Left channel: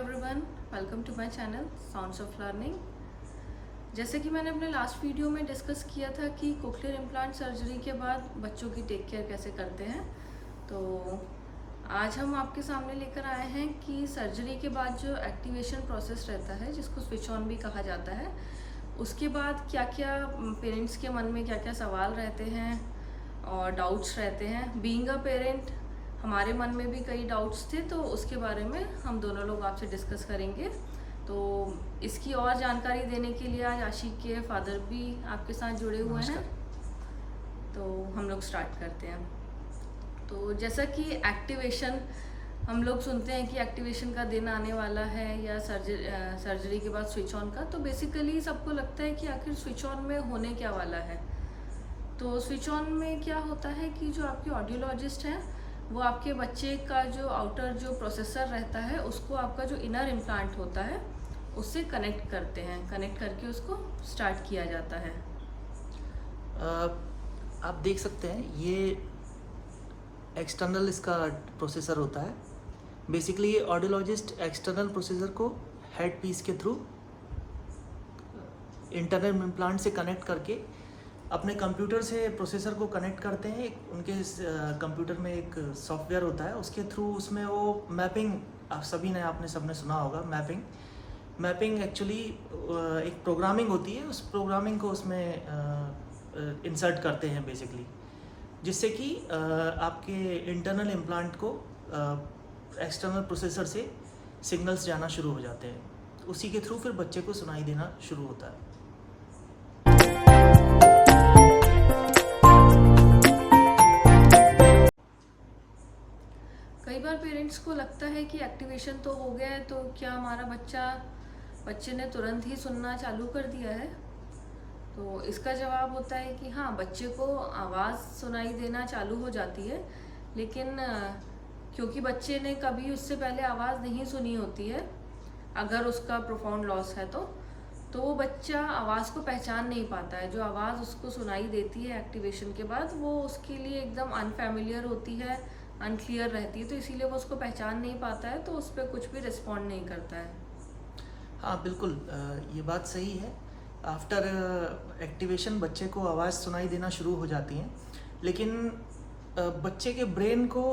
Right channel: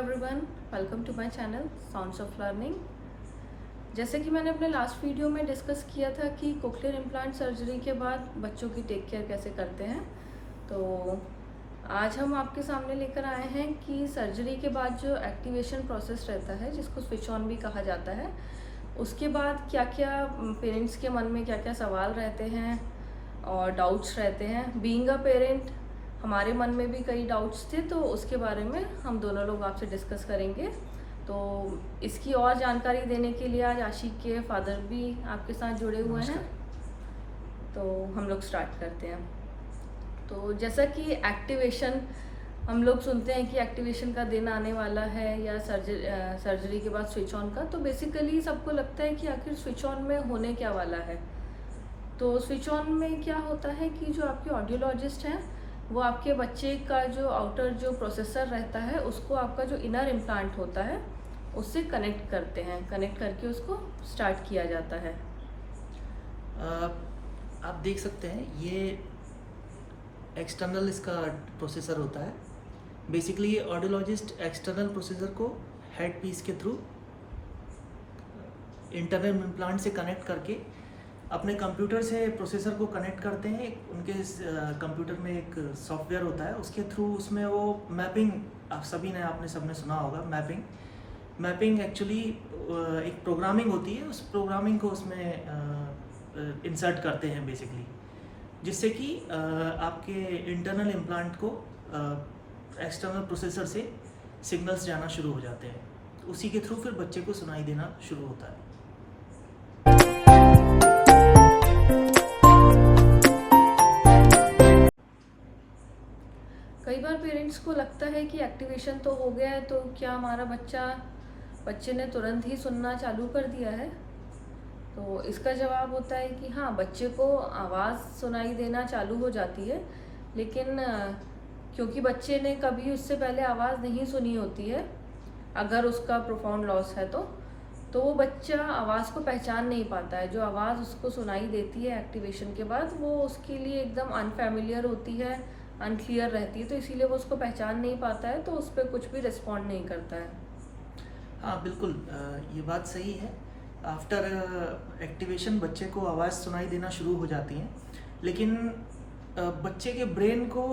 Everyone, welcome to my channel sounds of learning. जैसे कि मैंने अपने लास्ट वीडियो में डिस्कस किया था कि कोक्लियर इम्प्लांट सर्जरी के बाद बच्चों की टेक केयर कैसे करते हैं, तो आज हम आपके सामने लेकर आए हैं कि सर्जरी के बाद जो एक्टिवेशन प्रोसेस रहता है, जिसको स्विच ऑन भी कहा जाता है, उसके बाद क्या क्या पेरेंट्स के मन में क्या क्या सवाल रहते हैं और डाउट्स रहते हैं। बीइंग अ पेरेंट हमारे मन में भी कई डाउट्स थे, तो उसके बारे में हम दोनों लोग आपसे डिस्कस करेंगे। तो इसकी और जानकारी देने के लिए आज आशिक के फादर भी आपके साथ जुड़े हुए हैं, तो हम लोग स्टार्ट करते हैं। तो जैसा कि एक्टिवेशन, हम लोग सुनते हैं कि एक्टिवेशन का दिन आने वाला है या सर्जरी के बाद स्विच ऑन का, तो बेसिकली सबको लगता है कि आखिर स्विच ऑन में होने क्या वाला है। तो स्विच ऑन में क्या होता है कि जो आपके ऑडियोलॉजिस्ट हैं वो आपके बच्चे का जो आउटर जो प्रोसेसर रहता है उसको आपका जो इनर इम्प्लांट होता है उससे कनेक्ट करते हैं, कनेक्ट करके उसको स्टार्ट किया जाता है। आप देख सकते हैं ये एक्सटर्नल इसका प्रोसेसर होता है। बेसिकली ऑडियोलॉजिस्ट एक्सटर्नल प्रोसेसर को हेड पीस के थ्रू इंटरनल इम्प्लांट से कनेक्ट करके अपने कंप्यूटर से प्रोसेसर को कनेक्ट करते हैं। उनके कंप्यूटर में एक सॉफ्टवेयर होता है, उसके थ्रू उसमें वो मैपिंग, आप सभी ने आपने सबने सुना होगा मैपिंग एक्चुअली एक प्रोग्रामिंग होती है। उस प्रोग्रामिंग को उसमें इंसर्ट करते हैं बेसिकली, जिससे कि आपके इंटरनल इम्प्लांट को एक्सटर्नल प्रोसेसर से सिग्नल्स जाना शुरू हो जाते हैं। उसी के थ्रू फिर बच्चे को सुनाई देना शुरू होता है। कई बार पेरेंट्स को लगता है कि एक्टिवेशन तो हो गया है, तो क्या हमारा बच्चे ने तुरंत ही सुनना चालू कर दिया है। तो इसका जवाब होता है कि हाँ, बच्चे को आवाज़ सुनाई देना चालू हो जाती है, लेकिन क्योंकि बच्चे ने कभी उससे पहले आवाज़ नहीं सुनी होती है, अगर उसका प्रोफाउंड लॉस है तो वो बच्चा आवाज़ को पहचान नहीं पाता है। जो आवाज़ उसको सुनाई देती है एक्टिवेशन के बाद, वो उसके लिए एकदम अनफेमिलियर होती है, अनक्लियर रहती है, तो इसीलिए वो उसको पहचान नहीं पाता है, तो उस पर कुछ भी रिस्पॉन्ड नहीं करता है। हाँ बिल्कुल, ये बात सही है। आफ्टर एक्टिवेशन बच्चे को आवाज़ सुनाई देना शुरू हो जाती है, लेकिन बच्चे के ब्रेन को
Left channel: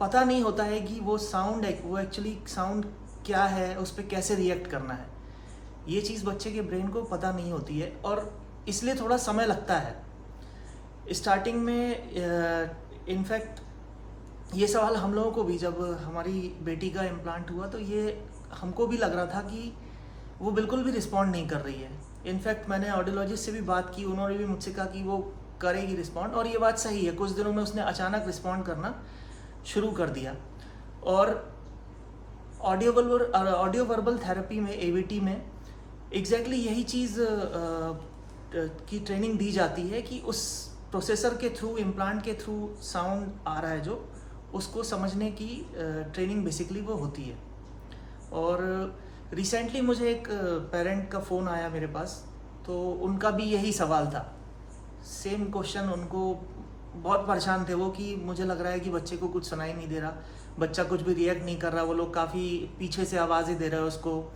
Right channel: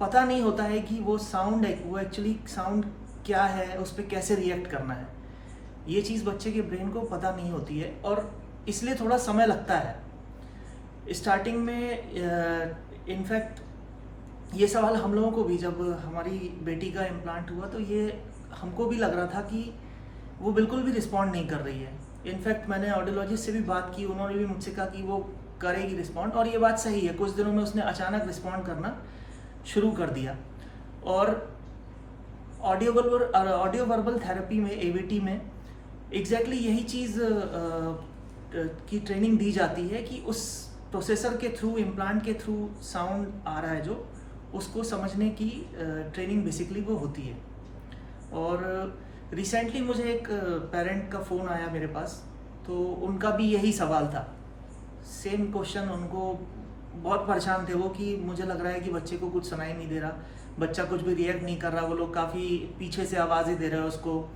पता नहीं होता है कि वो एक्चुअली साउंड क्या है, उस पर कैसे रिएक्ट करना है। ये चीज़ बच्चे के ब्रेन को पता नहीं होती है और इसलिए थोड़ा समय लगता है स्टार्टिंग में। इनफैक्ट ये सवाल हम लोगों को भी, जब हमारी बेटी का इम्प्लांट हुआ तो ये हमको भी लग रहा था कि वो बिल्कुल भी रिस्पॉन्ड नहीं कर रही है। इनफैक्ट मैंने ऑडियोलॉजिस्ट से भी बात की, उन्होंने भी मुझसे कहा कि वो करेगी रिस्पॉन्ड, और ये बात सही है। कुछ दिनों में उसने अचानक रिस्पॉन्ड करना शुरू कर दिया। और ऑडियो वर्बल थेरेपी में, AVT में एग्जैक्टली यही चीज़ की ट्रेनिंग दी जाती है कि उस प्रोसेसर के थ्रू, इम्प्लांट के थ्रू साउंड आ रहा है जो, उसको समझने की ट्रेनिंग बेसिकली वो होती है। और रिसेंटली मुझे एक पेरेंट का फ़ोन आया मेरे पास, तो उनका भी यही सवाल था, सेम क्वेश्चन। उनको बहुत परेशान थे वो कि मुझे लग रहा है कि बच्चे को कुछ सुनाई नहीं दे रहा, बच्चा कुछ भी रिएक्ट नहीं कर रहा। वो लोग काफ़ी पीछे से आवाज़ें दे रहे हैं उसको,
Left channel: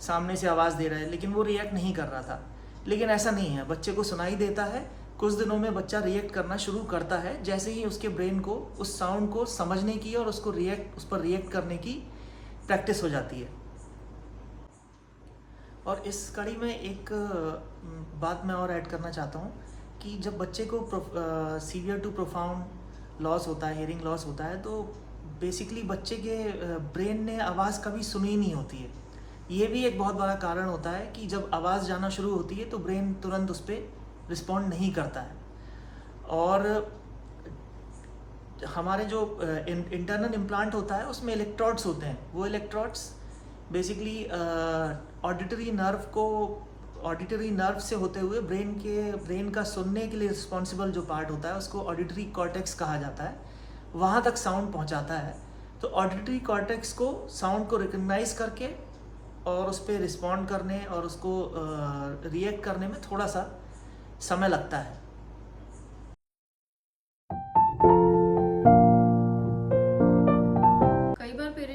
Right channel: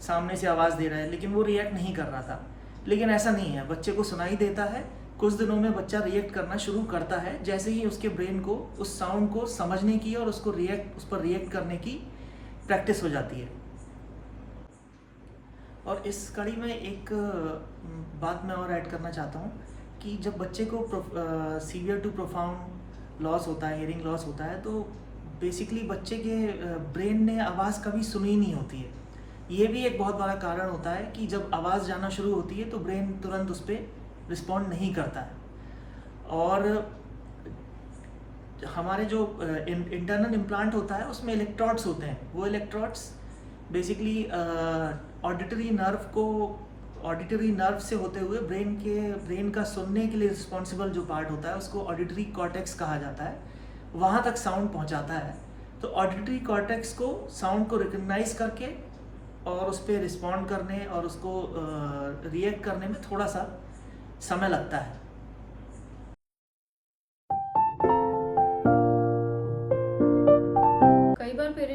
सामने से आवाज़ दे रहा है, लेकिन वो रिएक्ट नहीं कर रहा था। लेकिन ऐसा नहीं है, बच्चे को सुनाई देता है। कुछ दिनों में बच्चा रिएक्ट करना शुरू करता है, जैसे ही उसके ब्रेन को उस साउंड को समझने की और उस पर रिएक्ट करने की प्रैक्टिस हो जाती है। और इस कड़ी में एक बात मैं और ऐड करना चाहता हूँ कि जब बच्चे को सीवियर टू प्रोफाउंड लॉस होता है, हियरिंग लॉस होता है, तो बेसिकली बच्चे के ब्रेन ने आवाज़ कभी सुनी नहीं होती है। ये भी एक बहुत बड़ा कारण होता है कि जब आवाज़ जाना शुरू होती है तो ब्रेन तुरंत उस पर रिस्पॉन्ड नहीं करता है। और हमारे जो इंटरनल इम्प्लांट होता है उसमें इलेक्ट्रोड्स होते हैं। वो इलेक्ट्रोड्स बेसिकली ऑडिटरी नर्व से होते हुए ब्रेन का सुनने के लिए रिस्पॉन्सिबल जो पार्ट होता है उसको ऑडिटरी कॉर्टेक्स कहा जाता है, वहाँ तक साउंड पहुँचाता है। तो ऑडिटरी कॉर्टेक्स को साउंड को रिकग्नाइज करके और उस पर रिस्पॉन्ड करने और उसको रिएक्ट करने में थोड़ा सा समय लगता है।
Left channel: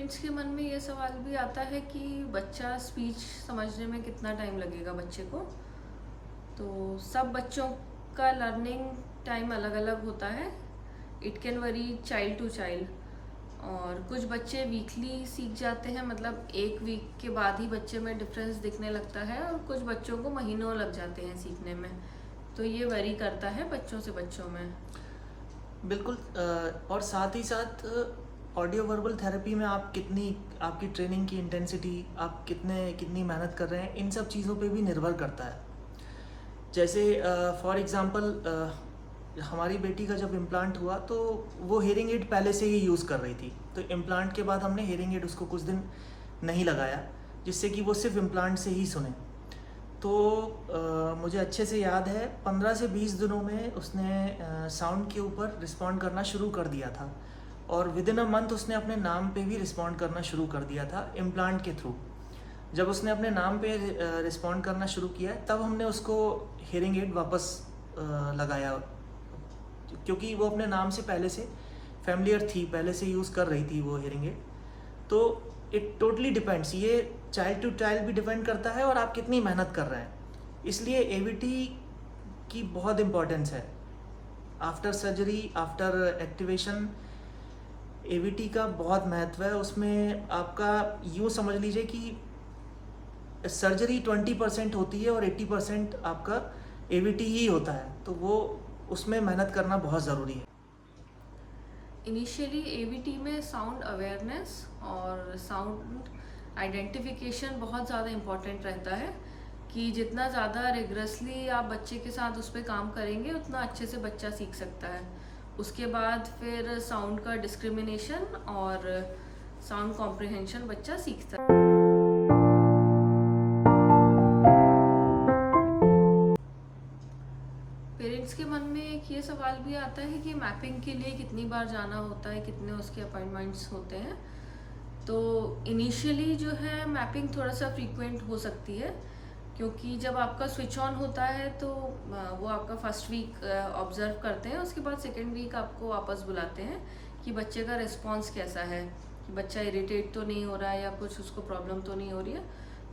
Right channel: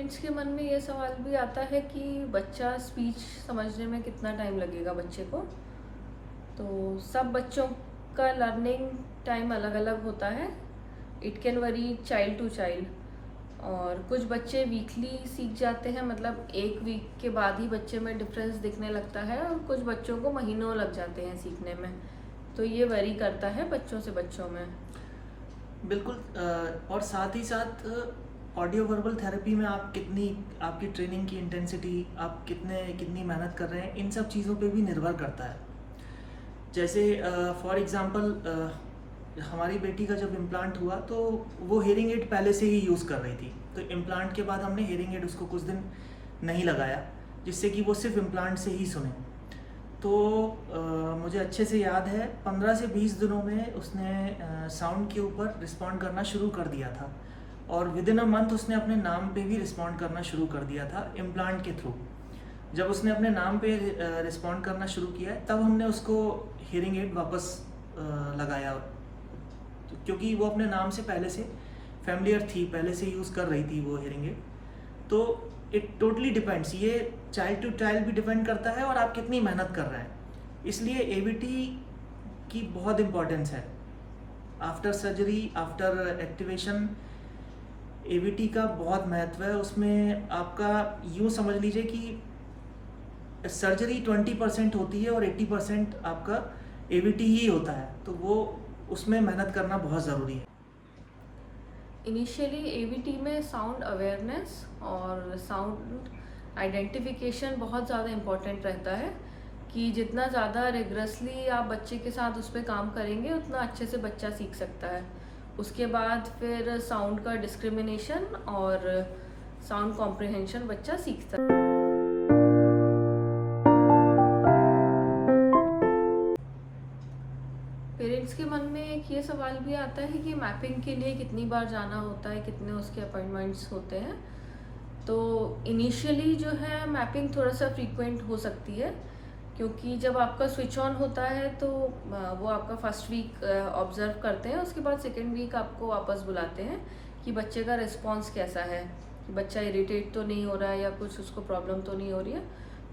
पेरेंट्स के मन में ये सवाल भी आता है कि बच्चा स्पीच समझने में कितना टाइम लगेगा बच्चे को। तो सब बच्चों का लर्निंग टाइम अलग अलग होता है। It can vary child to child. और कुछ बच्चे वीकली सीख जाते हैं, मतलब एक वीक के बाद ही बच्चे में डिफरेंस दिखने लगता है, और कुछ बच्चों को महीनों लग जाते हैं सीखने में। तो ये वरी करता है बच्चों से बच्चों में। बिल्कुल। और साथ ही साथ ऑडियो वर्बल थेरेपी में आप आपकी ट्रेनिंग की इंटेंसिटी, आप कितनी मेहनत कर रहे हैं, इन सब चीज़ों पे भी निर्भर करता है। जैसे फॉर एग्जांपल हमारी बेटी का जब इम्प्लांट हुआ तो वो हेयरिंग एड पहले से ही यूज़ कर रही थी, तो इम्प्लांट के बाद हमने हेयरिंग एड उसको कुछ दिन नहीं लगाया, जिससे कि वो सिर्फ इम्प्लांट से ही सुने। तो मुझे अच्छे से याद है 15 से 20 दिनों में उसने साउंड के ऊपर रिस्पॉन्ड करना शुरू कर दिया था, और विद इन अ मंथ उसने अपने नाम पे भी रिस्पॉन्ड करना शुरू कर दिया था इम्प्लांट के थ्रू। जब उसने अपने नाम पे रिस्पॉन्ड करना शुरू किया तब हमने उसको हेयरिंग एड वापस लगाया, क्योंकि वो अपने नाम से पहले से फैमिलियर थी, पहले से यूज़ कर रही थी वो हेयरिंग एड। तो इट टोटली डिपेंड्स, ये चाइल्ड टू चाइल्ड भी डिपेंड करता है और आप कितनी मेहनत कर रहे हैं। इसलिए एवीटी की बहुत इम्पोर्टेंस है। After surgery, after activation AVT का बहुत महत्व है। उसमें आपका यूँ समझ लीजिए कि सर्जरी 20% होती है और 80% आपका एवीटी ही होता है, तो वो उसमें मेहनत करना बहुत ज़रूरी है। इनिशियली एवीटी में साउंड अवेयरनेस और साउंड आइडेंटिफिकेशन बहुत ज़्यादा इम्पॉर्टेंट रहता है, कि जितना ज़्यादा रिगरसली आप बच्चे के साथ उस पर काम करेंगे उतना अच्छे से बच्चा सीख सकता है। उसके बाद फिर साउंड का डिस्क्रिमिनेशन और साउंड कॉम्प्रिहेंशन बच्चा सीखता है। पेरेंट्स के मन में एक ये सवाल भी आता है कि मैपिंग के लिए कितनी बार जाना होता है, कितने उसके अपॉइंटमेंट्स होते हैं। तो इनिशियली जो है मैपिंग थोड़ा सा फ्रीक्वेंट हो सकती है, क्योंकि जब आपका स्विच ऑन होता है तो वो आपका फर्स्ट वीक ऑब्जर्व करते हैं, उसके बाद सेकेंड वीक आपको वापस बुलाते हैं कि बच्चे का रिस्पॉन्स कैसा है, कि बच्चा इरिटेट तो नहीं हो रहा है या कुछ उसको प्रॉब्लम तो नहीं हो रही है।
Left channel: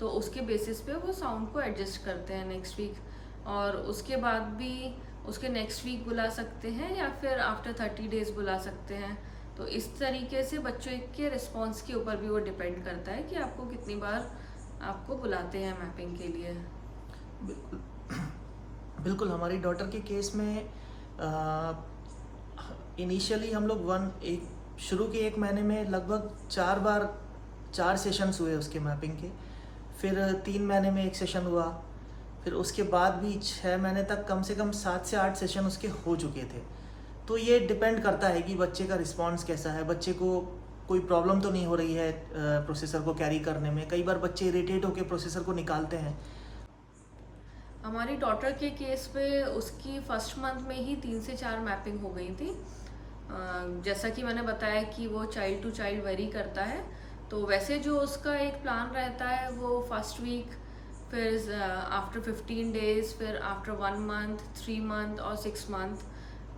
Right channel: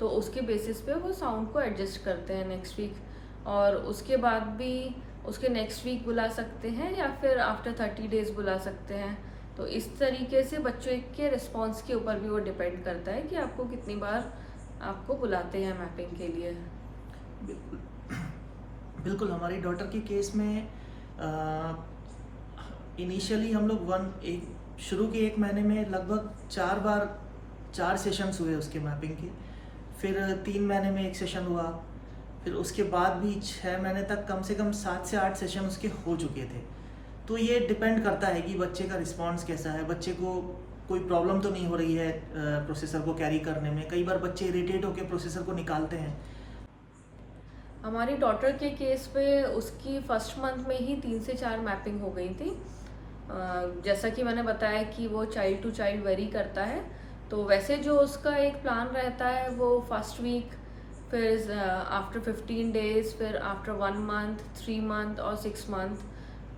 तो उसके बेसिस पे वो साउंड को एडजस्ट करते हैं नेक्स्ट वीक, और उसके बाद भी उसके नेक्स्ट वीक बुला सकते हैं या फिर आफ्टर 30 डेज बुला सकते हैं। तो इस तरीके से बच्चों के रिस्पॉन्स के ऊपर भी वो डिपेंड करता है कि आपको कितनी बार आपको बुलाते हैं मैपिंग के लिए। बिल्कुल। हमारी डॉटर के केस में इनिशियली हम लोग शुरू के 1 महीने में लगभग 4 सेशंस हुए उसके मैपिंग के, फिर 3 महीने में 1 सेशन हुआ, फिर उसके बाद भी 6 महीने तक कम से कम 7 से 8 सेशन उसके हो चुके थे। तो ये डिपेंड करता है कि बच्चे का रिस्पांस कैसा है, बच्चे को कोई प्रॉब्लम तो नहीं हो रही है प्रोसेसर को कैरी करने में। कई बार बच्चे इरिटेट होकर प्रोसेसर को निकालते हैं। हमारी डॉटर के केस पे उसकी फर्स्ट मंथ में ही 3 से 4 मैपिंग हो गई थी। जैसा कि मैंने बताया कि वो चाइल्ड टू चाइल्ड वेरी करता है, तो वैसे जो उसका एक प्लान रहता है वो फर्स्ट वीक, फिर आफ्टर 15 डेज, फिर आफ्टर 1 मंथ, 3 मंथ और 6 मंथ,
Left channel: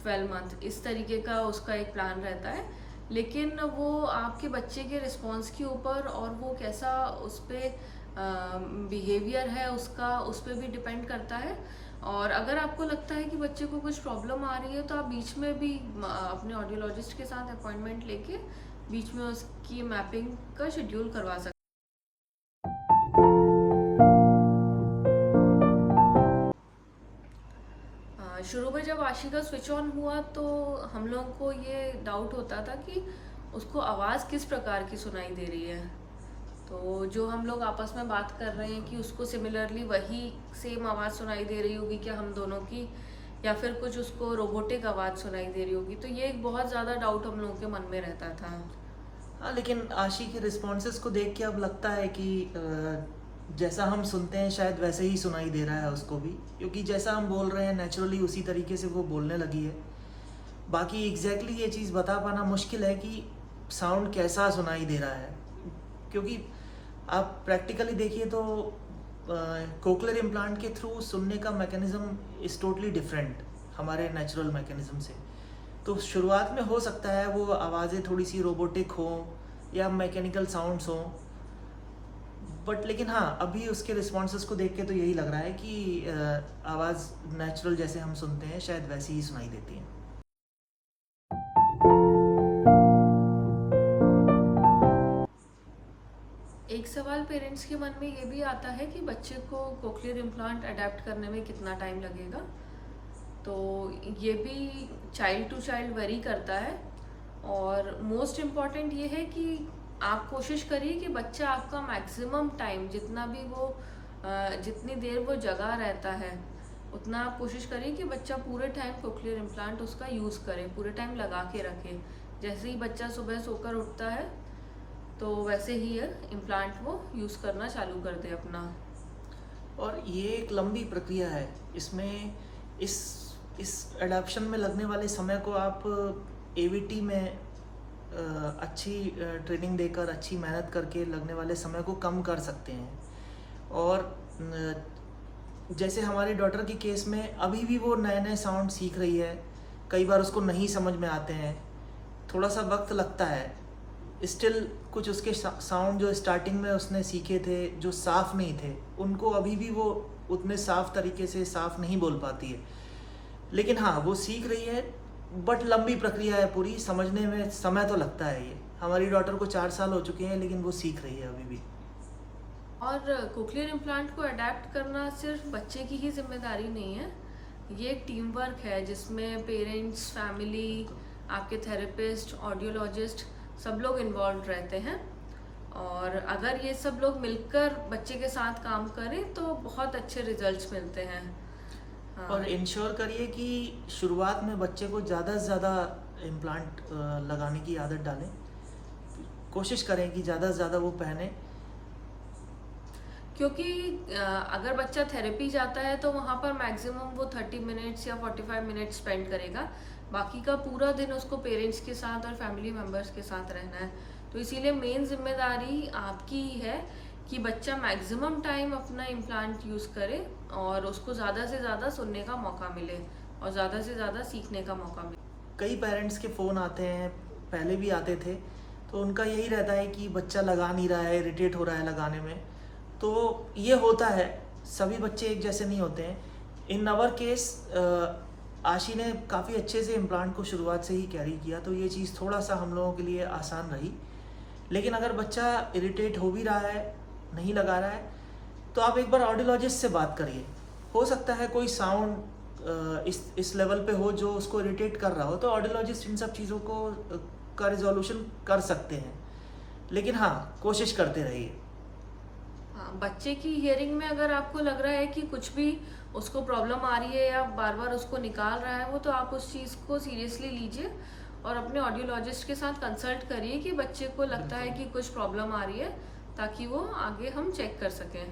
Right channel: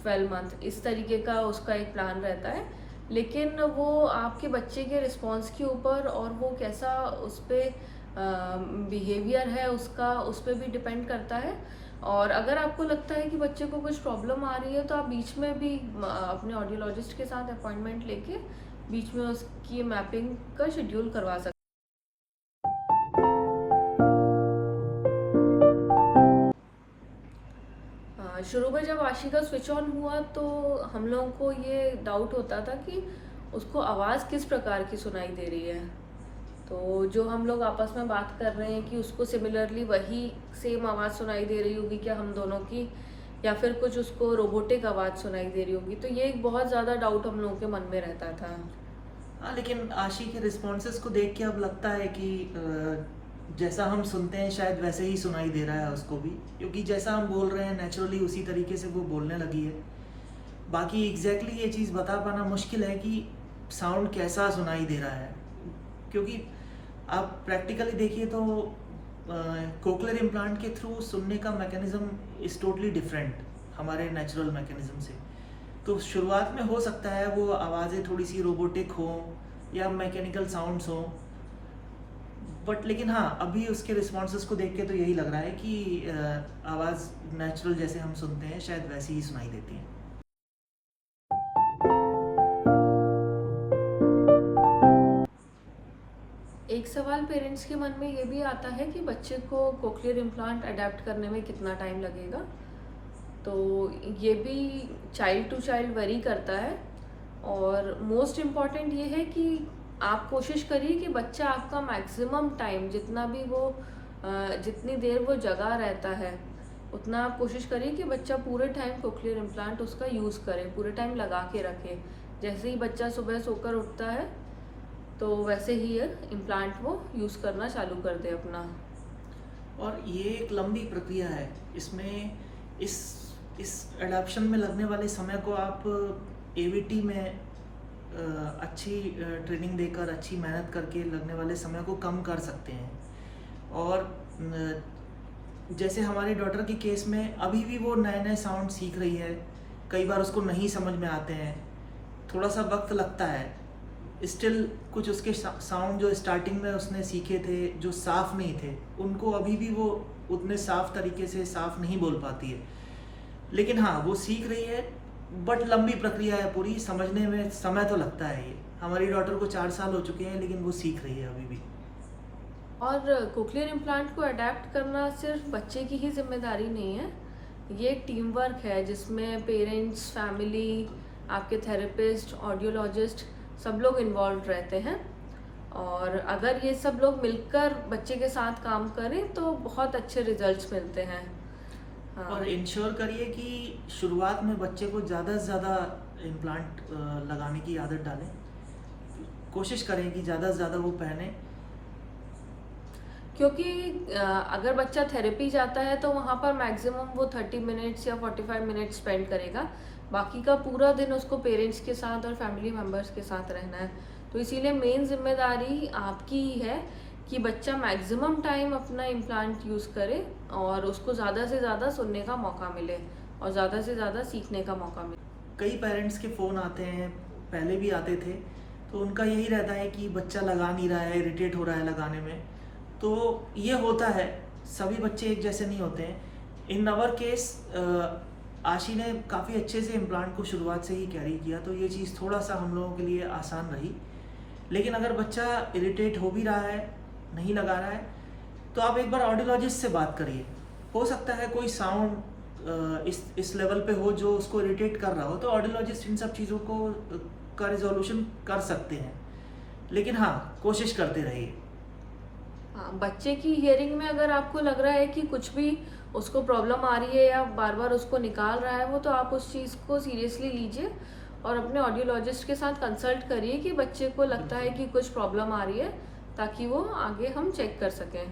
12 मंथ, इस तरीके का उसका एक प्लान रहता है। लेकिन वो आपके बच्चे के रिस्पॉन्स के ऊपर और वो कैसा उस पर बिहेवियर है उसका, उस पर भी डिपेंड करता है। और अगर आपको लगता है कि बच्चे को कुछ प्रॉब्लम आ रही है तो आप बीच में भी अपने ऑडियोलॉजिस्ट के साथ अपॉइंटमेंट लेके बीच में उसकी मैपिंग का शेड्यूल करवा सकते हैं। शुरू में जब आशी का स्विच ऑन हुआ तो हम लोगों को ये डाउट होता था कि उसको आवाज़ किस प्रकार की सुनाई दे रही है। तो जो हम लोग आपस में बात कर रहे हैं कि उसको सिमिलरली वही सेम आवाज़ सुनाई दे रही होगी क्या हम दोनों की, या फिर कुछ उसको रोबोटिक आवाज़ सुनाई दे रही होगी। तो ये एक बहुत ज़्यादा डाउट हम लोगों के मन में रहता था। हाँ, लेकिन आशी के रिस्पॉन्सेस को देख के अब लगता है कि जैसा हम सुनते हैं शायद वैसे ही सुनाई दे रहा है उसको भी, क्योंकि जैसा हम बोल रहे हैं नेचुरली उसी तरीके से वो बोलने लगी है। बाकी एग्जैक्टली ये चीज़ बता पाना मुश्किल है कि साउंड कैसा सुनाई दे रहा है, क्योंकि आप प्रैक्टिकली देखिए तो कोक्लियर इम्प्लांट के थ्रू सुनने का मैकेनिज़्म इज़ टोटली डिफरेंट हमारे नेचुरल मैकेनिज़्म से। तो शुरुआत में हो सकता है वो आवाज़ें थोड़ी सी रोबोटिक हों, या मैकेनिकल साउंड्स हों, बट लेकिन हाँ, अभी उसके रिस्पॉन्सेज को देख के तो यही लग रहा है कि आवाज़ नेचुरल जैसे हम सुनते हैं शायद वैसी ही सुनाई देती है। एक सवाल पेरेंट्स के मन में ये भी आता है कि बच्चे को कोक्लियर इम्प्लांट अडेप्ट करने में कितना टाइम लगेगा। तो ये भी चाइल्ड टू चाइल्ड वेरी करता है, और मोस्ट इम्पॉर्टेंट ये है कि आप कोशिश करिए कि बच्चा आपका मैक्सिमम टाइम जितना भी वो जितनी देर वो जगा रहता है उतना आप कोशिश करिए कि बच्चा पूरे टाइम कोक्लियर इम्प्लांट उसका यूज़ करे, पूरे टाइम लगा के रखे। जैसे ही बच्चा सुबह सोकर उठता है तो वैसे ही है इम्प्लांट वो यूज़ करना चालू कर दे अपना। और ये एक लंबी प्रक्रिया है, इसमें इस एडाप्शन में लगने वाले समय को आप एवीटी में अच्छी ट्रेनिंग देकर, अच्छी मेहनत करके लगने वाले समय को कम कर सकते हैं। और जैसे हमारी डॉटर के केस में अभी भी वो नए नए साउंड सीख रही है, कई बार उसको नहीं समझ में आते हैं, थोड़ा सा वक्त लगता है। स्टिल कुछ उसके साउंड जो स्टार्टिंग में उसने सीखे थे जो साफ़ नहीं थे, उनको अभी भी वो उतने साफ़ तरीके से साफ़ नहीं बोल पाती है। लेकिन हाँ, वो सीख रही है, बट लंबी प्रक्रिया है पूरी, समझने में समय तो लगता है। ये हमारी डॉटर को 4 साल हो चुके हैं, लेकिन वो सीख रही है अभी भी। और कोक्लियर इम्प्लांट को अडेप्ट करना सिर्फ बच्चे की ही जिम्मेदारी नहीं है, ये एक टीम वर्क है जिसमें पेरेंट्स, फैमिली, आपके थेरेपिस्ट, ऑडियोलॉजिस्ट सब लोग इन्वॉल्व रहते हैं। और अगर ये सब लोग मिलकर बच्चे के साथ काम करें तो बहुत अच्छे रिजल्ट्स मिलते हैं। हाँ। और इंश्योर करिए कि शुरुआत में बच्चे को ज़्यादा से ज़्यादा इम्प्लांट लगाने की आदत डालें, कोशिश करें कि ज़्यादा से ज़्यादा वो पहने। क्योंकि अगर बच्चा थेरेपी जाता है तो वहाँ पर मैक्सिमम वो 30 मिनट्स या 45 मिनट्स स्पेंड करेगा, बाकी का पूरा दिन उसको पेरेंट्स के साथ और फैमिली मेम्बर्स के साथ रहना है। तो इसीलिए मेन जिम्मेदारी आपकी ही है कि बच्चा मैक्सिमम टाइम अपना इम्प्लांट यूज़ करे और उसको ज़्यादा से ज़्यादा सुनने का मौका मिले और ज़्यादा से ज़्यादा सीखने का मौका मिले। कई पेरेंट्स के फ़ोन आते हैं, पहले भी आते थे, तो उनका यही रहता है कि बच्चा लगा नहीं रहा है, इरिटेट हो रहा है लगाने में। तो ये होता है, सभी बच्चे एक जैसे नहीं होते हैं। इन अवर केस आशी ने काफ़ी अच्छे से इम्प्लांट को शुरुआत से ही कैरी किया, तो ये चीज़ थोड़ा सा हम लोगों के लिए आसान रही। लेकिन अगर बच्चा इरिटेट हो भी रहा है, नहीं लगा रहा है, तो आप एक बार ऑडियोलॉजिस्ट से बात करिए। हो सकता है कोई साउंड इस लेवल पे हो जो उसको इरिटेट कर रहा हो, तो ऑडियोलॉजिस्ट इन सब चीज़ों को का रिजोल्यूशन कर सकते हैं। लेकिन हाँ, कोशिश करते रहिए। हाँ, बच्चे की हियरिंग में अगर आपको लग रहा है कि कुछ भी उसको प्रॉब्लम आ रही है या बार बार उसको निकाल रहा है वो, तो आप उस चीज़ को सीरियसली लीजिए और अपने ऑडियोलॉजिस्ट के साथ कंसल्ट करिए कि बच्चे को लगता है कि कुछ प्रॉब्लम आ रही है, ताकि वो आगे हम चेक कर सकें।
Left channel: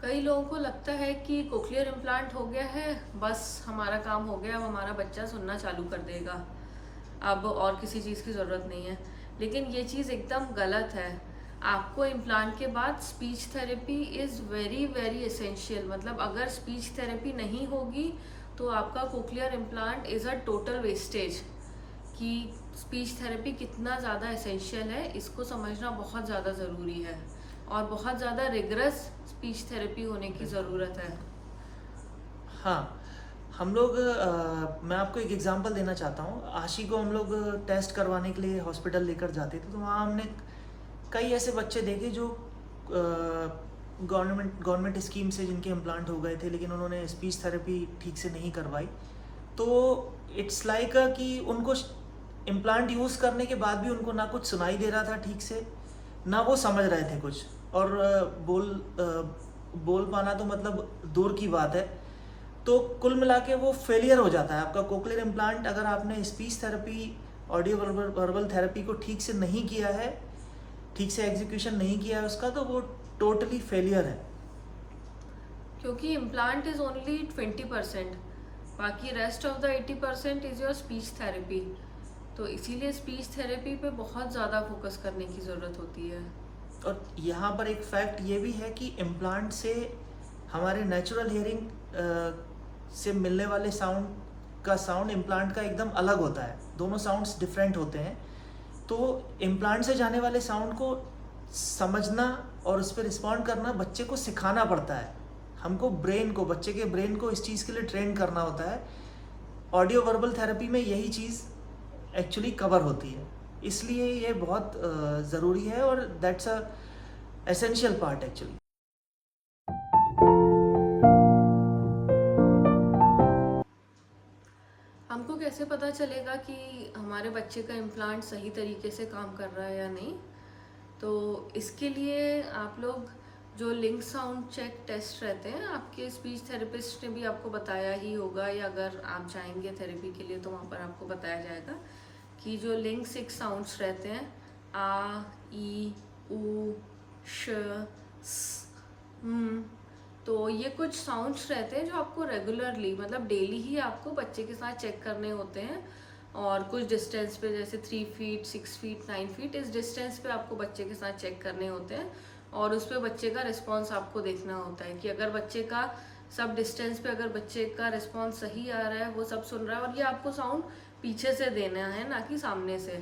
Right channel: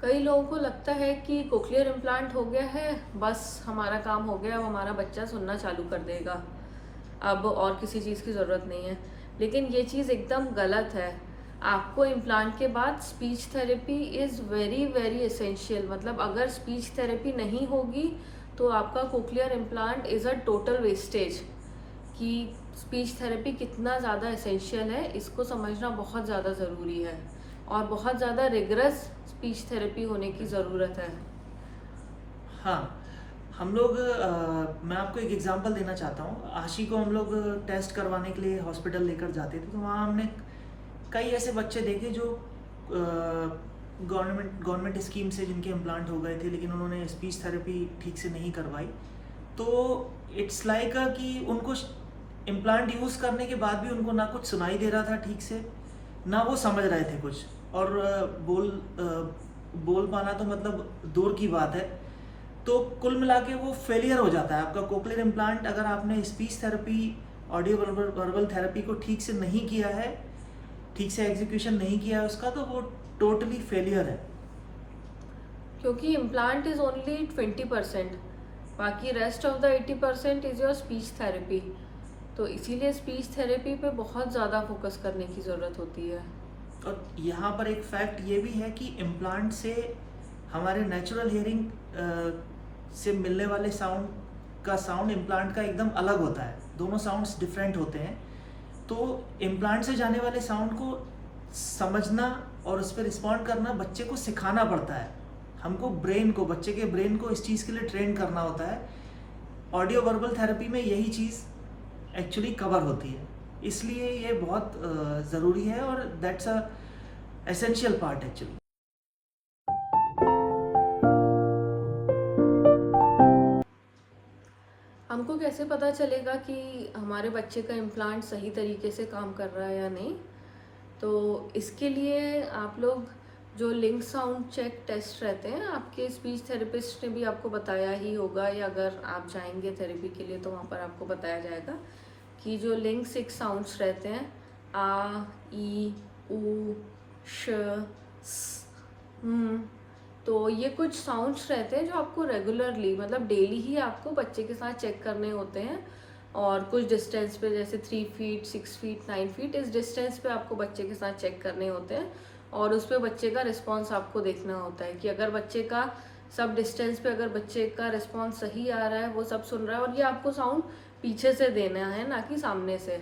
कई लोगों को लगता है कि कोक्लियर इम्प्लांट हो गया है, बस हमारा काम हो गया, अब हमारा बच्चा सुनना चालू कर देगा, अब और किसी चीज़ की ज़रूरत नहीं है। लेकिन ये चीज़ एकदम गलत है। आपको इम्प्लांट के बाद speech therapy is very very essential. मतलब अगर स्पीच थेरेपी नहीं होगी तो आपका cochlear implant is a total wastage. कि स्पीच थेरेपी कितना ज़्यादा एसेंशियल है इसको समझना बहुत ज़्यादा ज़रूरी है, और बहुत ज़्यादा रिगरस स्पीच थेरेपी होने की ज़रूरत है। हाँ, हम लोग मैं आपको एक एग्जांपल देना चाहता हूँ। आशी को हम लोग टेस्ट करवाने के लिए हॉस्पिटल लेकर जाते थे, तो वहाँ हमने कई ऐसे बच्चे देखे जो गवर्नमेंट स्कीम से जिनके इम्प्लांट हो गए थे, लेकिन उन्होंने स्पीच थेरेपी ठीक से नहीं करवाई। तो इट्स लाइक कि उनको इम्प्लांट यूज़ करने के बाद भी उनको ना कुछ सुनाई दे रहा था ठीक से, ना वो समझ रहे थे कुछ, और बोल पाना तो मतलब दूर की बात है। तो कुल मिला के वो फेलियर हो जाता है आपका कोक्लियर इम्प्लांट। अगर आपने speech therapy, audio verbal therapy को ठीक से नहीं किया है, ठीक से एग्जीक्यूशन नहीं किया है उसका, तो वो टोटली फेलियर है। क्योंकि इम्प्लांट इज़ ओनली 20%, बाकी rest of the 80% is your speech therapy. तो इसीलिए स्पीच थेरेपी पे बहुत ज़्यादा फोकस करने की ज़रूरत होती है। और यहाँ पर एक फैक्ट ये भी है कि इम्प्लांट से हमारे नेचुरल हियरिंग से मिलने वाले साउंड का साउंड इम्प्लांट का एकदम अलग होता है, दोनों साउंड्स डिफरेंट होते हैं। तो इम्प्लांट से जाने वाले साउंड को समझना और उस पर रिस्पॉन्ड करना बच्चे को सिखाना पड़ता है। हमको बच्चे के ब्रेन को इस चीज़ के लिए ट्रेन करना होता है। ऑडियो वर्बल थेरेपी में यही चीज़ एक्चुअली कवर होती है, इसलिए ये बहुत ज़रूरी है और that's a essential part actually. हमको कैसे पता चलेगा कि हमारे बच्चे का इम्प्लांट सही तरीके से काम कर रहा है या नहीं? तो इसके लिए आप लोग जो लिंक साउंड चेक टेस्ट रहते हैं, आपके स्पीच थेरेपिस्ट ने भी आपको बताया ही होगा, या अगर आप जाएंगे थेरेपी के लिए तो वहाँ पर आपको बताया जाएगा कि जो लिंक 6 साउंड्स रहते हैं, आ, ई, ऊ, श, स, तो ये कुछ साउंड्स रहते हैं जो आपको रेगुलरली, मतलब डेली ही आपको बच्चे के साथ चेक करने होते हैं। और कुछ डिस्टेंस पे, जैसे 3 फीट, 6 फीट, 9 फीट, इस डिस्टेंस पे आपको बच्चे के साथ चेक करने होते हैं और उस पर बच्चे का रिस्पॉन्स आपको देखना होता है कि अगर बच्चे का सब डिस्टेंस पे अगर बच्चे का रिस्पॉन्स सही आ रहा है, वो सब सुन रहा है, और ये आपको साउंड पीछे से देना है, ना कि सामने से,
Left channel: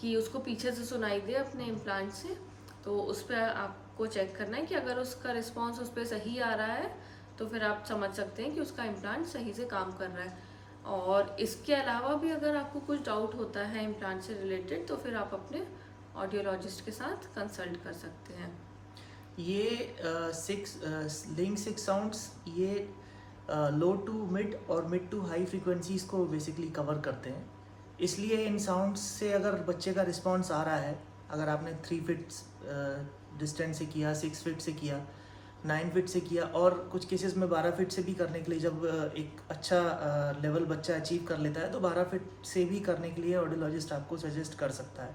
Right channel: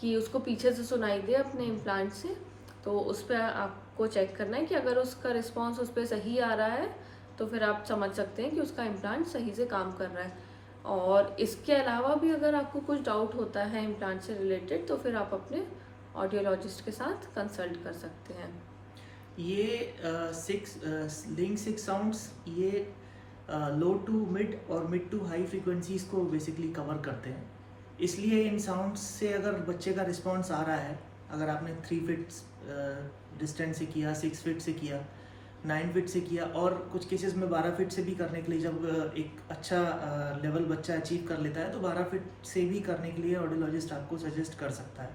कि उसको पीछे से सुनाई दे अपने इम्प्लांट से। तो उस पर आपको चेक करना है कि अगर उसका रिस्पॉन्स उस पर सही आ रहा है तो फिर आप समझ सकते हैं कि उसका इम्प्लांट सही से काम कर रहा है। और इसके अलावा भी अगर आपको कुछ डाउट होता है इम्प्लांट से रिलेटेड, तो फिर आप अपने ऑडियोलॉजिस्ट के साथ कंसल्ट कर सकते हैं। ये लिंक 6 साउंड्स ये लो टू मिड और मिड टू हाई फ्रीक्वेंसीज को बेसिकली कवर करते हैं। इसलिए इन साउंड्स से अगर बच्चे का रिस्पॉन्स आ रहा है, अगर आपने 3 फीट डिस्टेंस से किया, 6 फीट से किया, 9 फीट से किया, और कुछ केसेस में 12 फीट से भी करने के लिए, जब एक अच्छा लेवल बच्चा अचीव कर लेता है तो 12 फीट से भी करने के लिए ऑडियोलॉजिस्ट आपको सजेस्ट कर सकता है।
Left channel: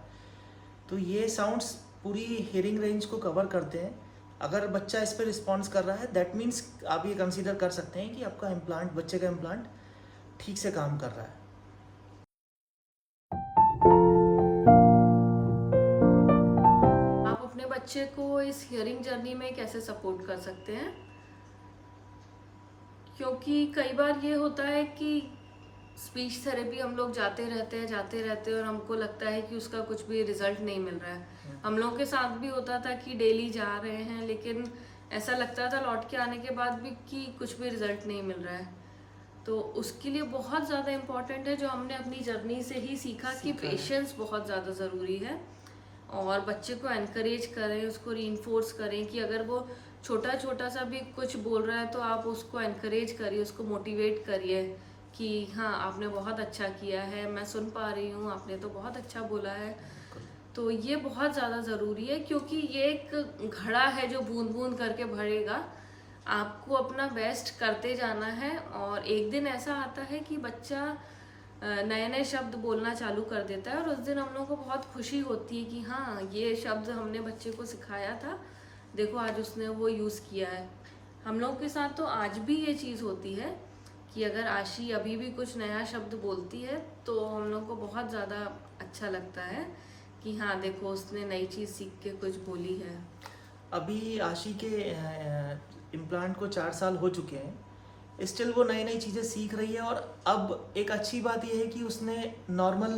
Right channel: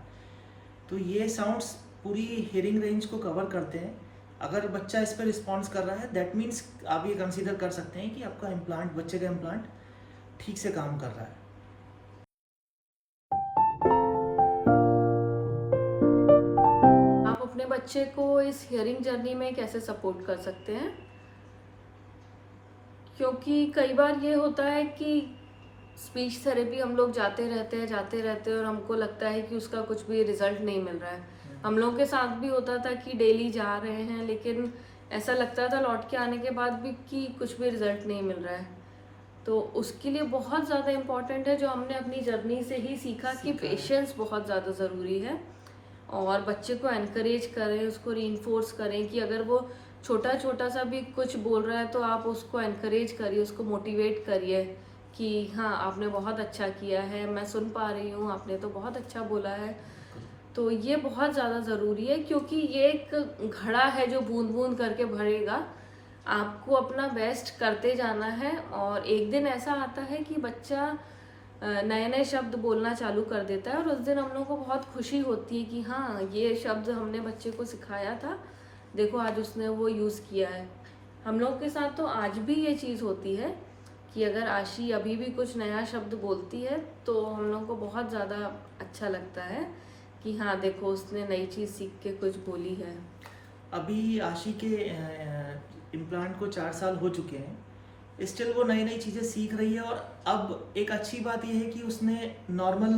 तो ये साउंड्स पूरी हियरिंग रेंज को कवर करते हैं। अगर बच्चा इस पर रिस्पॉन्स कर रहा है, दैट मीन्स आप ये कंसीडर कर सकते हैं कि आपका इम्प्लांट, बच्चे का इम्प्लांट ठीक से काम कर रहा है। आप अपने बच्चे को इस हियरिंग जर्नी में कैसे सपोर्ट कर सकते हैं? क्योंकि कई बार ये होता है कि स्पीच थेरेपी हम लोग जाते रहते हैं और हमको लगता है कि उसका कुछ भी रिजल्ट नहीं मिल रहा है। हम लोग के साथ भी होता था कि डेली जा रहे हैं, लेकिन ऐसा लगता था लौट के आने के बाद भी कि कुछ भी रिजल्ट नहीं मिल रहा है। तो उसके लिए बहुत ज़्यादा इम्पॉर्टेंट है, जो हमने अपनी जर्नी से ही सीखा कि पेशेंस बहुत ज़्यादा ज़रूरी है। और बच्चे को एनकरेज करें, उसको रीइंफोर्स करें कि अगर वो छोटा छोटा सा भी कुछ बोल रहा है तो आप उसको एनकरेज करिए, उसको मोटिवेट करिए कि हाँ आपने बहुत अच्छा किया है, मैं सुन पा रही हूँ, आपने तो बहुत अच्छा बोला है। तो ये बहुत ज़्यादा ज़रूरी है, क्योंकि ये एक घड़ा है जो बूंद बूंद करके भरेगा। आपको अपना बेस्ट करते जाना है और एक दिन ऐसा आता है कि बच्चा नए नए शब्द बोलना चालू कर देता है और उस दिन हम लोगों को बहुत खुशी होती है कि हाँ ये शब्द हमने बच्चे को सिखाया था, देखो आज उसने वो यूज़ किया है। हम लोग के साथ तो आज भी ये चीज़ होती है कि अगर आशी अभी भी कुछ नया शब्द बोलती है तो हम लोग को बहुत ज़्यादा अच्छा लगता है कि हाँ देखो उसने नई चीज़ सीख के कुछ बोली है। अभी आशी के इम्प्लांट को 4 साल हो चुके हैं, स्टिल वो नई नई चीज़ें सीख रही है। और अब एक अच्छी बात यह है कि उसने नॉर्मल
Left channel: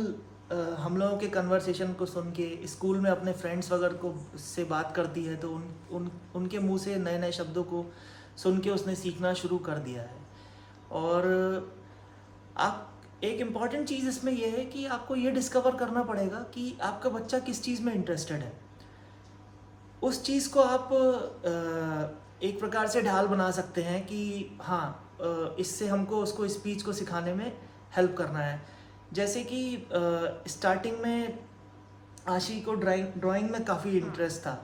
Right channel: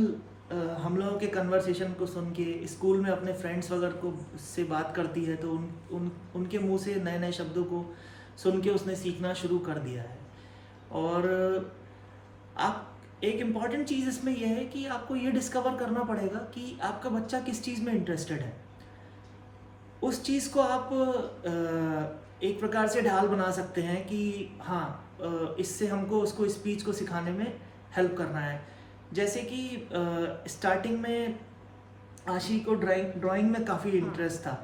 हम लोगों के कन्वर्सेशन को सुन के, स्कूल में अपने फ्रेंड्स वगैरह को से बात करती है तो उनके मुंह से नए नए शब्दों को सुन के उसने सीखना शुरू कर दिया है। और आप, एक इम्पॉर्टेंट चीज़ इसमें यह है कि आपको ये डिस्कवर करना पड़ेगा कि आपका बच्चा किस चीज़ में इंटरेस्टेड है। उस चीज़ को आप एक प्रकार से ढाल बना सकते हैं कि हाँ इससे हमको उसको स्पीच को सिखाने में हेल्प करना है। जैसे कि स्टार्टिंग में आशी को ड्राइंग में काफ़ी इंटरेस्ट था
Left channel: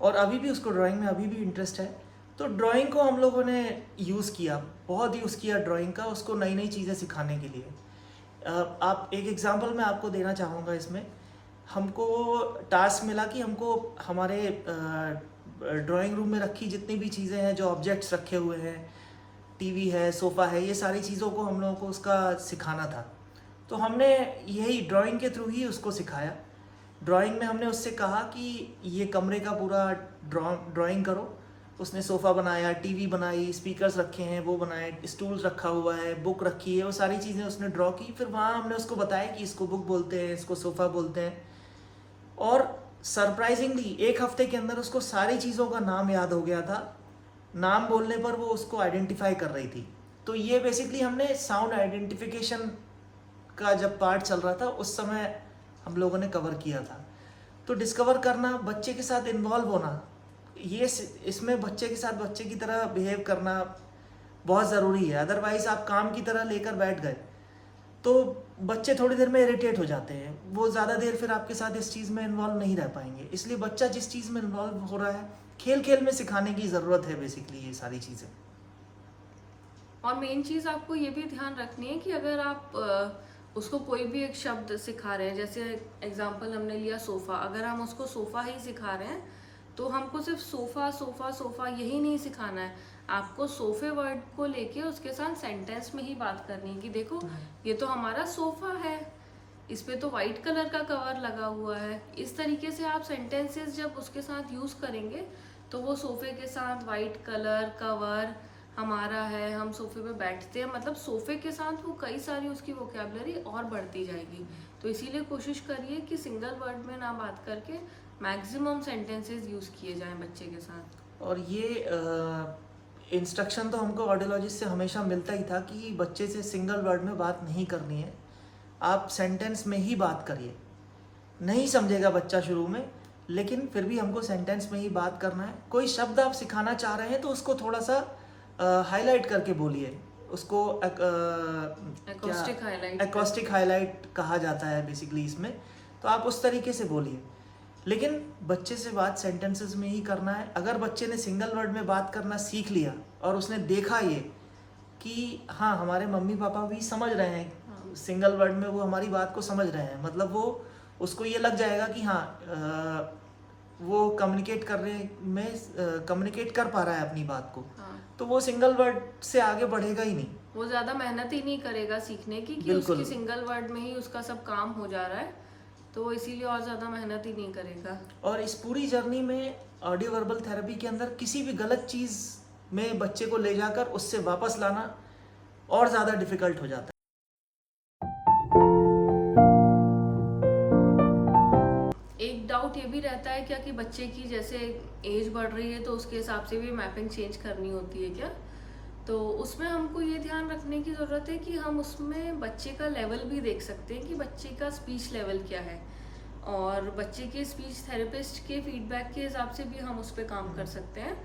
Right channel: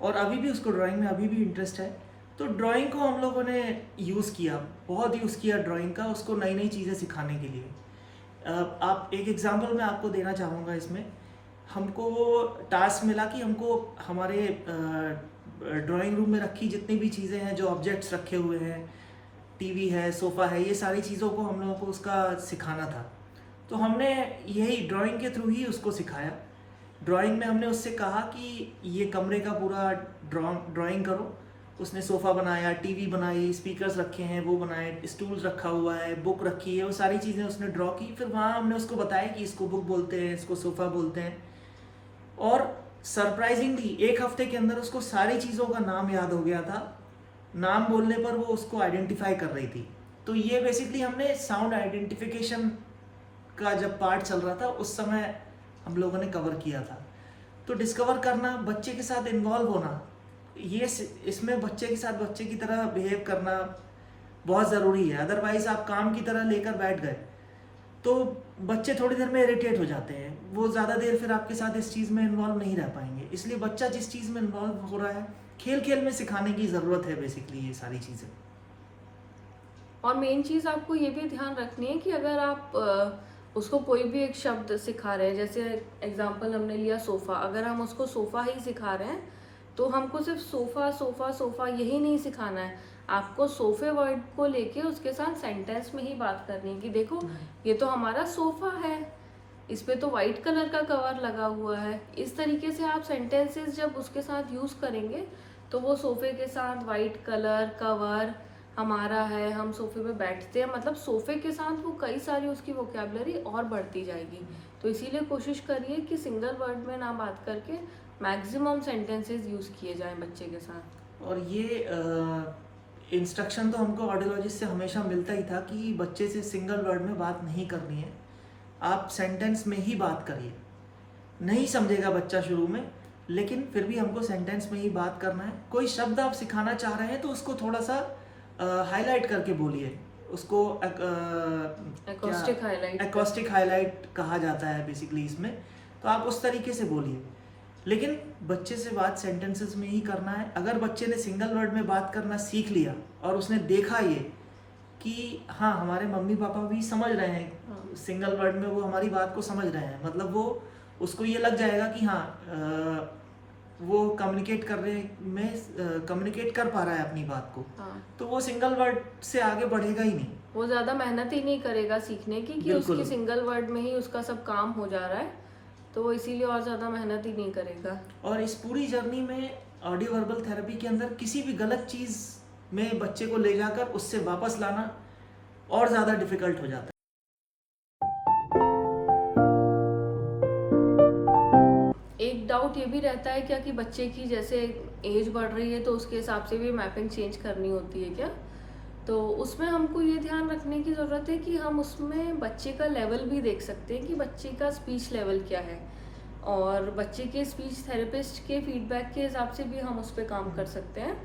और अभी भी उसको ड्राइंग में अभी भी इंटरेस्ट है। तो ड्राइंग को हम लोगों ने यूज़ किया, बहुत यूज़ किया ड्राइंग का, उसको नई नई चीज़ें सिखाने के लिए। आप एक एग्जांपल मैं आपको देना चाहूँगा इसमें। हमको टास्क मिला कि हमको हमारे ड्राइंग रूम में रखी जितनी भी चीज़ें हैं, जो ऑब्जेक्ट्स रखे हुए हैं, टीवी है, सोफ़ा है, ये सारी चीज़ों को हम लोगों को उसका सिखाना था। तो हमने यही ड्राइंग के थ्रू ही उसको सिखाया। ड्राइंग में हमने उससे कहा कि ये कमरे का पूरा ड्राइंग करो उसने सोफ़ा बनाया, टीवी बनाई, स्पीकर्स रखे हैं वो बनाए, स्टूल रखा हुआ है, बुक रखी है, वो सारी चीज़ें उसने ड्रॉ की। फिर वहाँ हमने उसको बताया कि इसको बुक बोलते हैं, इसको सोफ़ा बोलते हैं। और सरप्राइजिंगली 1 हफ्ते के अंदर उसको सारी चीज़ों का नाम याद हो गया था। नाम बोलने पर वो उसको आइडेंटिफाई कर रही थी। तो ये बेसिकली हमने साउंड आइडेंटिफिकेशन का जब पार्ट चल रहा था उस समय हम लोगों ने कवर किया था। तो डिस्कवर करना, बच्चे के साथ इन्वॉल्व होना, ये इसमें बच्चे के साथ बच्चे की तरह बिहेव करना बहुत ज़रूरी है। अदरवाइज़ आप काम की तरह लेकर बैठ गए तो बच्चे थोड़ी देर में इरिटेट हो जाते हैं, वो ज़्यादा देर फिर आपके साथ इस चीज़ में इन्वॉल्व नहीं रह पाएंगे। इसलिए बच्चा जिस चीज़ में इन्वॉल्व हो रहा है, खेल खेल में सिखाने की ज़रूरत है बेसिकली ये सारी चीज़ें। और मेन चीज़ आपको ये भी ध्यान रखनी है कि अगर आप उसको कोई भी एक शब्द सिखा रहे हैं, जैसे एग्जांपल हमने लिया सोफ़ा, अगर हम उसको सोफ़ा ही सिखा रहे हैं तो हमको सिर्फ सोफ़ा सोफ़ा सोफ़ा यही नहीं सिखाना है, आपको सोफ़े वर्ड को लेके उसके साथ सेंटेंस में ही बात करनी है कि देखो ये तो हमारा सोफ़ा है, इस पे तो वाइट कलर का कवर लगा हुआ है। इस तरीके से आप सेंटेंसेस जब उसके साथ यूज़ करेंगे तो वो सोफ़े के साथ वाइट कलर कवर हमारा है, हम सोफे पे बैठते हैं, मतलब सोफे के साथ वो कई सारी उसकी वोकैबुलरी और बढ़ती जाएगी। तो इसीलिए कोशिश करिए कि सिंगल वर्ड में ना बात करके मैक्सिमम सेंटेंसेस यूज़ किए जाएं बच्चे के साथ। और ये इंस्ट्रक्शन तो हमको ऑडियोलॉजिस्ट से हमेशा मिलता ही था कि बच्चे से सिंगल वर्ड में बात नहीं करनी है, आप सेंटेंस में ही बात करिए। नहीं समझेगा बच्चा शुरू में, लेकिन फिर भी हमको सेंटेंस में ही बात करना है। कोई शब्द आप सिखाना चाह रहे हैं तो उसको थोड़ा सा हाईलाइट करके बोलिए, उसको एक्रोस्टिक हाईलाइट कहा जाता है बेसिकली इसमें। तो आप उस तरीके से बोलिए, लेकिन बच्चे से बात सेंटेंसेस में ही करना है। अगर बच्चे ने सिंगल वर्ड में बात करना सीख लिया और उसने देखा ये कि हाँ हमारे मम्मी पापा भी समझ रहे हैं, सिंगल वर्ड में वो हमारी बात को समझ रहे हैं, मतलब वो उसको ये लग जाएगा कि हाँ वो कम्युनिकेट कर पा रहा है अपनी बात को। तो वो सिंगल वर्ड से आगे बढ़ेगा ही नहीं, वो ज़्यादा मेहनत ही नहीं करेगा सीखने की कि उसकी सिंगल वर्ड में ही उसका सब काम हो जा रहा है, तो वो इसीलिए और ज़्यादा मेहनत ही नहीं करेगा। और इस पूरी जर्नी में ऑडियो वर्बल थेरेपी के अंदर किसी भी गलत चीज़ में बच्चे को ले जाकर उससे वापस लाना और ज़्यादा डिफिकल्ट हो जाता है। एक डाउट ये भी रहता है क्या कि बच्चे की जैसे एज बढ़ रही है तो उसके हिसाब से भी मैपिंग चेंज करनी होती है क्या? तो उसमें हमको ये ध्यान रखने की ज़रूरत है कि हम उसमें बच्चे का लेवल भी देख सकते हैं कि बच्चे का स्पीच लेवल क्या है, और बच्चे के स्पीच थेरेपिस्ट के फीडबैक के हिसाब से भी हम उस पर काम कर सकते हैं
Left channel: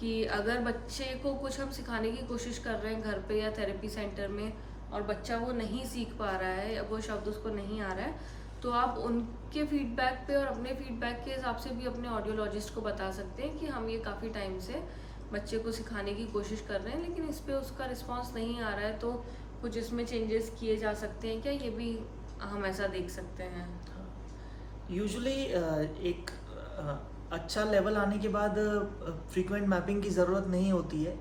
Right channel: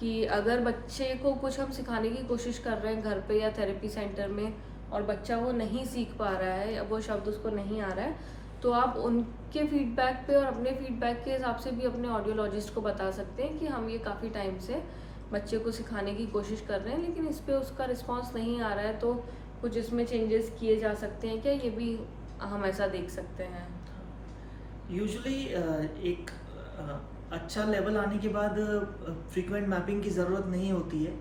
कि अगर बच्चे को कुछ हम सिखाने की कोशिश कर रहे हैं घर पे या थेरेपी सेंटर में और बच्चा वो नहीं सीख पा रहा है या वो शब्द उसको नहीं आ रहा है, तो आप उनके फीडबैक पे और अपने फीडबैक के हिसाब से भी अपने ऑडियोलॉजिस्ट को बता सकते हैं कि हम ये काफ़ी टाइम से बच्चे को सिखाने की कोशिश कर रहे हैं लेकिन इस पे उसका रिस्पांस नहीं आ रहा है, तो कुछ इसमें चेंजेस किए जा सकते हैं क्या, ये भी हम ऐसा देख सकते हैं। यूजुअली एक अच्छा लेवल आने के बाद फ्रीक्वेंट मैपिंग की ज़रूरत नहीं होती है,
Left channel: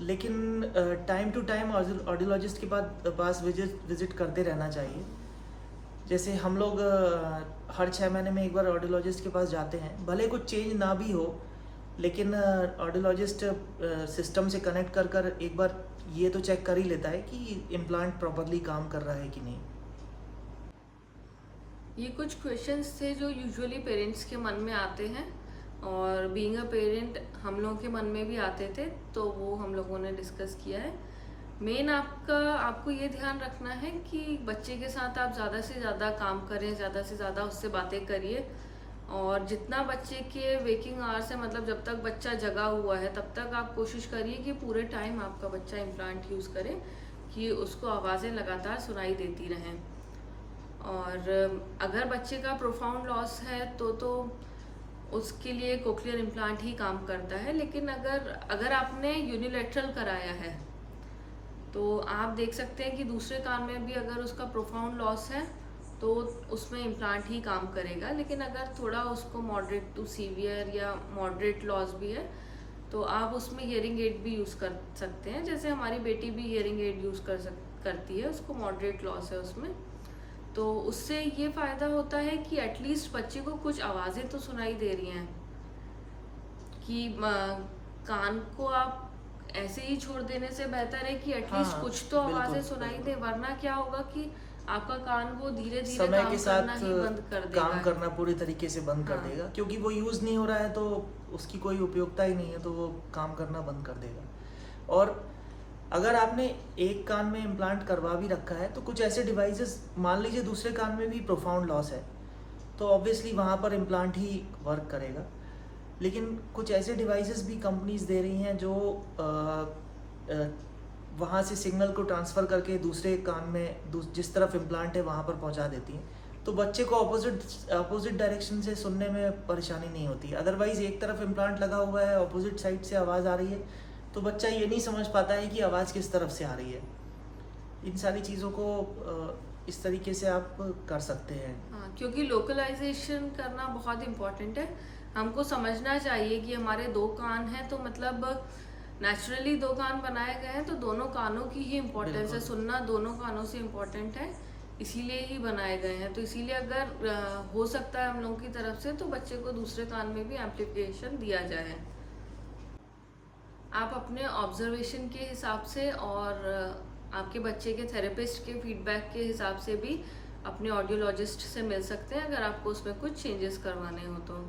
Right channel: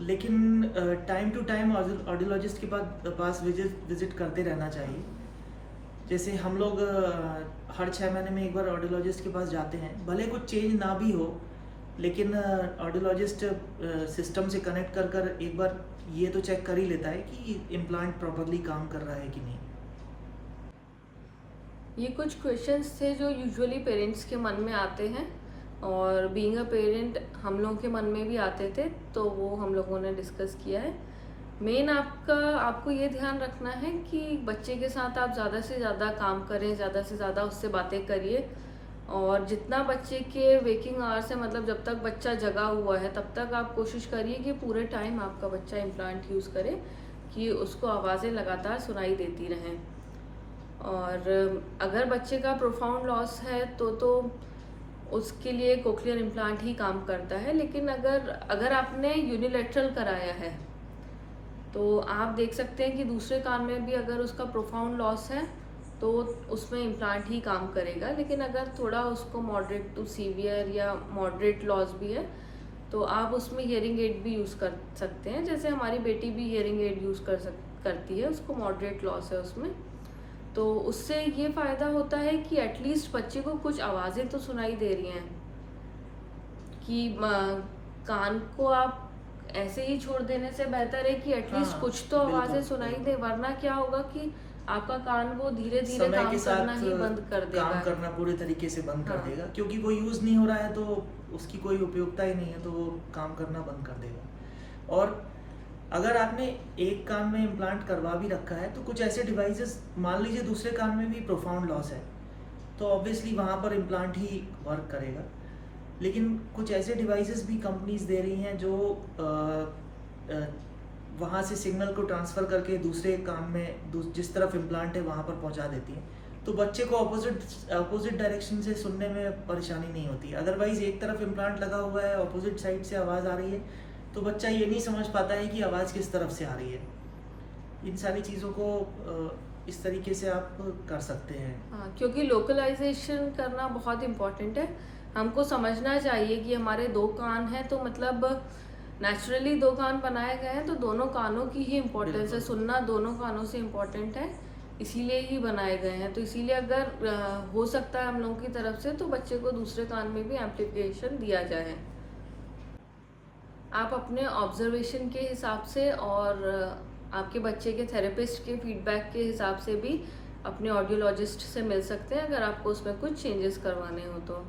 लेकिन टाइम टू टाइम ऑडियोलॉजिस्ट के पास विजिट करते रहना चाहिए। जैसे हम लोग हर 6 महीने में एक बार ऑडियोलॉजिस्ट के पास जाते हैं, भले कुछ चेंज ना भी हो, लेकिन ऑडियोलॉजिस्ट सिस्टम से कनेक्ट कर एक बार ये तो चेक कर ही लेता है कि इम्प्लांट प्रॉपर्ली काम कर रहा है कि नहीं। ये कुछ क्वेश्चंस थे जो यूजुअली पेरेंट्स के मन में आते हैं और बीइंग अ पेरेंट हम लोगों के मन में भी आते थे, तो वो हम लोगों ने डिस्कस किया है। मेन आपको ये ध्यान रखना है कि बच्चे के साथ आप ज़्यादा से ज़्यादा काम करें, ज़्यादा से ज़्यादा उससे बातें करिए, और जितना बच्चे के वेकिंग आवर्स है, मतलब जब तक बच्चा जगा हुआ है तब तक आप कोशिश करिए कि पूरे टाइम आपका बच्चा इम्प्लांट यूज़ करे, कि उसको आवाज़ें लगातार सुनाई देती रहें। और अगर बच्चे का प्रोफाउंड लॉस है तो उसके लिए कोक्लियर इम्प्लांट ही काम करता है, लेकिन अगर आपने यूनिलैटरल कराया है तो आप देख सकते हैं कि दूसरे कान में भी अगर उसका प्रोफाउंड लॉस है तो उसमें इम्प्लांट ही काम करेगा, लेकिन अगर थोड़ा उसको मॉडरेट टू सीवियर या मॉडरेट लॉस भी है तो आप उसमें हियरिंग एड भी यूज़ कर सकते हैं। जैसे हमारी बेटी भी हियरिंग एड यूज़ करती है, उसको मॉडरेट लॉस है उसमें, तो उससे ये फ़ायदा होता है कि एटलीस्ट बच्चे को कुछ आवाज़ें तो सुनाई दे रही हैं, कि कान को आप ऐसे ही छोड़ देने से बेहतर है कि एटलीस्ट हाँ, कुछ तो आवाजें बिल्कुल, सुनाई दे, बिल्कुल। वरना क्या होगा कि आपका कान वो धीरे धीरे समय काम के करना साथ ही बंद कर देगा। काम करना पूरे तरीके से बंद कर हाँ। देगा, क्योंकि वो यूज़ नहीं हो रहा है तो उसकी कोई उपयोगिता ही नहीं है, तो वो काम करना बंद कर देगा। और अगर आपने एक कान में इम्प्लांट करवा भी रखा है तो कुछ ऐसे डिवाइसेस, मान लीजिए दूसरे कान में भी प्रोफाउंड लॉस है, तो ऑब्वियसली वहाँ पर इम्प्लांट ही वर्क करेगा। लेकिन कुछ ऐसे डिवाइसेस भी कंपनीज दे रही हैं जो वहाँ से सिग्नल को ट्रांसफ़र करके दूसरे कान में जिस तरफ इम्प्लांट है वहाँ पर पहुँचा देती हैं, तो बच्चे को अपोजिट डायरेक्शन से सुनने में परेशानी नहीं होती। अदरवाइज़ एक तरफ इम्प्लांट लगा हुआ है, अपोजिट साइड से आवाज़ आ रही है, तो बच्चा ये नहीं समझ पाता है कि आवाज़ किस तरफ से आ रही है। इन सारी चीज़ों को इस तरीके से आप कर सकते हैं। हाँ, क्योंकि लोकलाइजेशन करना बहुत इम्पोर्टेंट है। हमको समझना चाहिए कि हमारे दो कान हैं, तो मतलब नेचुरली दो कान बनाए गए हैं, तो दोनों कानों की ही इम्पोर्टेंस है, बिल्कुल। सुनना दोनों कानों से इम्पोर्टेंट है, इसीलिए ही बनाए गए हैं। तो इसीलिए अगर हो सकता है हम लोगों की तरफ से, तो बच्चे को दूसरे कान में भी एम्प्लीफिकेशन दिया जाए। आप अपने ऑब्जर्वेशन के हिसाब से और आपके बच्चे के थेरेपिस्ट के फीडबैक के हिसाब से भी अपने ऑडियोलॉजिस्ट से मिल सकते हैं अगर आपको उसमें कुछ चेंजेस करवाने हो तो।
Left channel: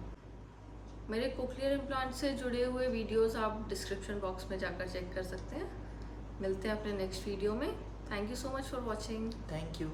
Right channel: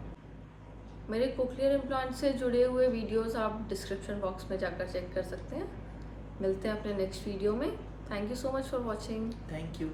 मेरे कोक्लियर इम्प्लांट से जुड़े हुए वीडियोस आप डिस्क्रिप्शन बॉक्स में जाकर चेक कर सकते हैं। मिलते हैं अपने नेक्स्ट वीडियो में। Thank you so much for watching. Thank you.